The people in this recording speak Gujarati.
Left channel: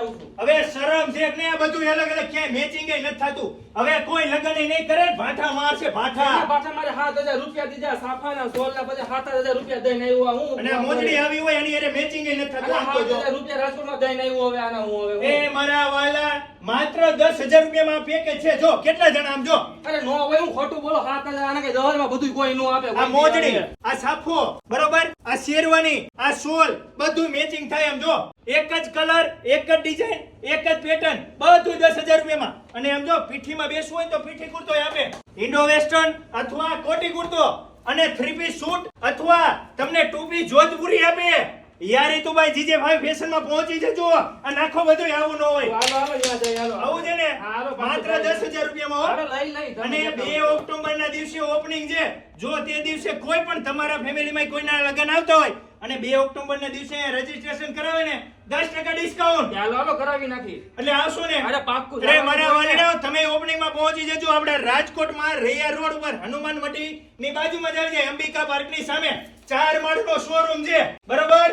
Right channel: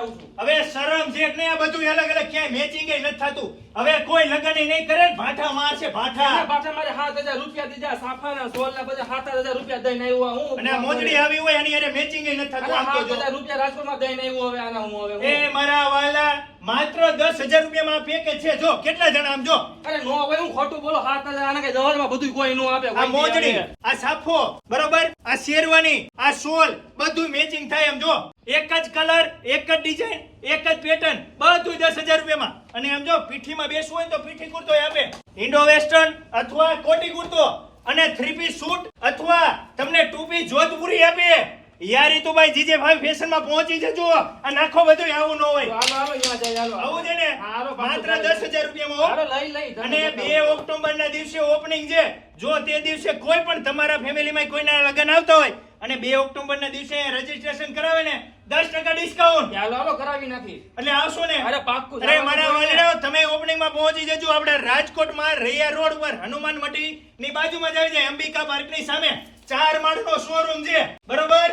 આવું છું હવે શરમ છે કે નહીં? આ બધું અલગ અલગ ક્યાંય મેચિંગ નથી થતું. હવે કોઈ લગ્ન નહીં કરે, ભાઠા મારશે ભાઠા. પાછા મારે 7,000 રૂપિયા દીધા સાફાના સોલના બધા 7,000 રૂપિયા દઈને આવ્યો હું. અને આ મોજડી આવી હોય એની હારે મેચિંગ નથી થતું. આમ તો જો 7,000 રૂપિયા રાજકોટમાં દઈને આવ્યો. હવે આના હું હવે એ મારા વાલા માત્ર 10,000 રૂપિયામાં પેકેજ છે. જો કેટલા જણા આમ જો. અરે નો હોય હું ખોટું બોલો 7,000 આના કે દવારમાં બધું કોઈ નો આપે. આ મોજડી, આ સાફો, બરોબર, આ શેરવાની, આ સોલ, બધું મેચિંગ થાય. એમ જો એક જ કલર, એક જ ડિઝાઇન, એક જ પેટર્ન, બધું 10,000 રૂપિયામાં. અને એમ જો પીઠીમાં બેસવું હોય તો પીઠી કુર્તો આપે, ઇન્ડો વેસ્ટર્ન અથવા કોટી કુર્તો, અને 3 પીસ સૂટ અથવા તમને 2 પીસ જોધપુરી આપે. યાર ઈ તો ભાઈ જીજે ભાઈ ફેશન માં પહોંચી જજો. આ નાખો બધું આવું ન હોય. હાલો હાલો યાદ જાય હાલો. આવું છે ને હાલો, માત્ર 10,000 રૂપિયામાં હો. હાલો લઈ અને 2 ઓક્ટોબર ના દિવસે ઓપનિંગ છે. જો તે દિવસે કોઈ પણ તમારા ફેમિલીમાં કોઈના લગ્ન આવતા હોય અને 2 ઓક્ટોબર ના દિવસે રજીસ્ટ્રેશન કરાવે ને 10% ડિસ્કાઉન્ટ. હાલો હાલો કરાવી નાખી. એટલે આવશો ને? અરે પાક્કું. અરે મારા વાલીડાઓ, તમે ઓપનિંગ માં પહોંચી જજો. આપણે રાજકોટમાં રૈયા રોડ ઉપર હનુમાન મટી ની બાજુમાં જ આવી જાય. અંબિકા પાર્ક ની સામે 4 માળનો શોરૂમ છે, બરોબર.